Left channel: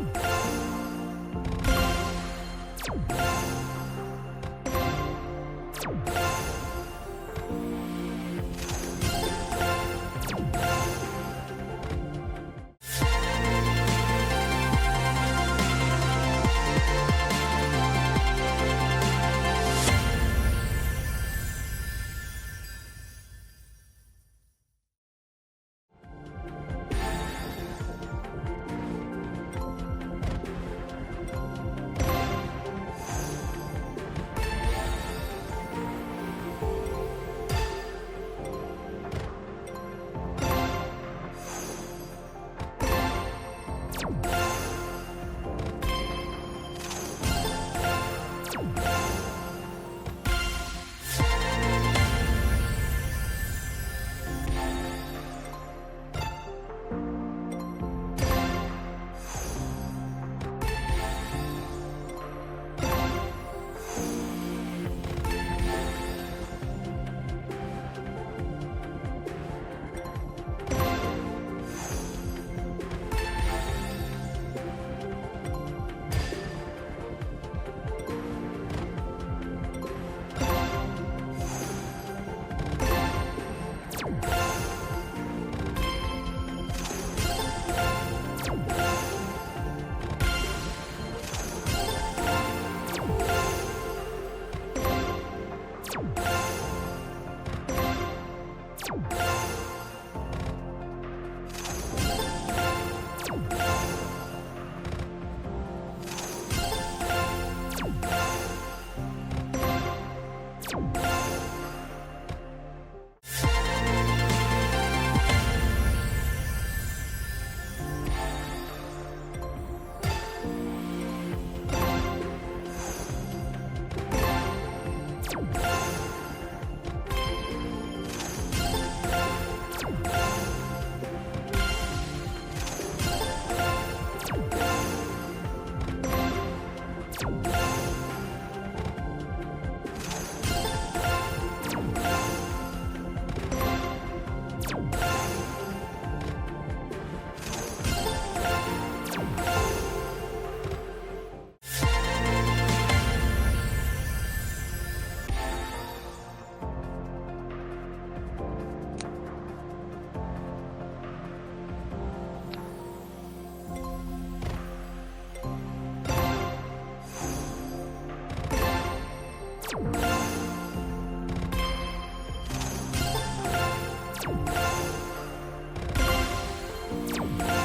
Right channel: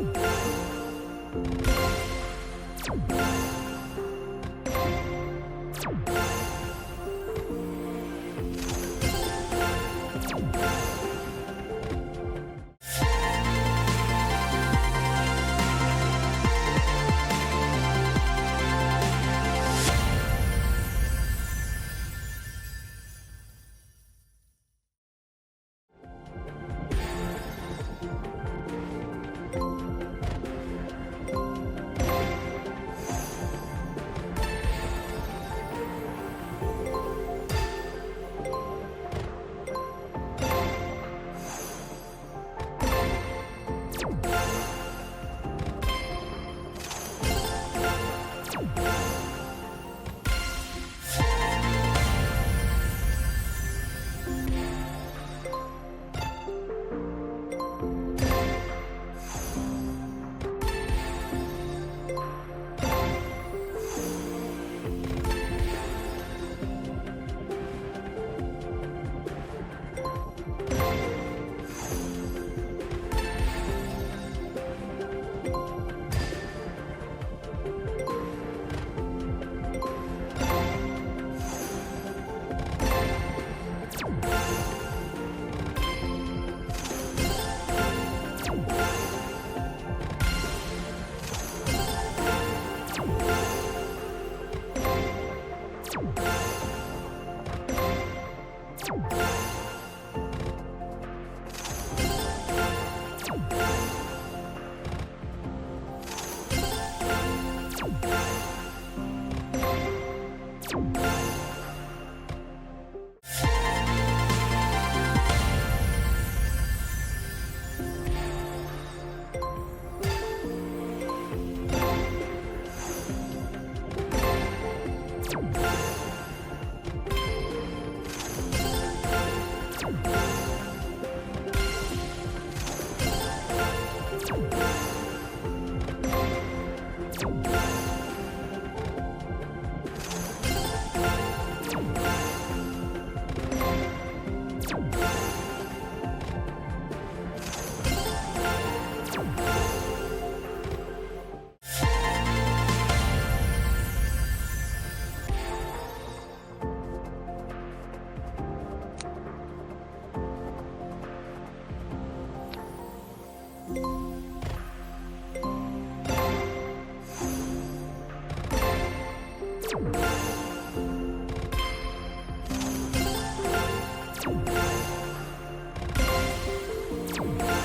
you. Bye.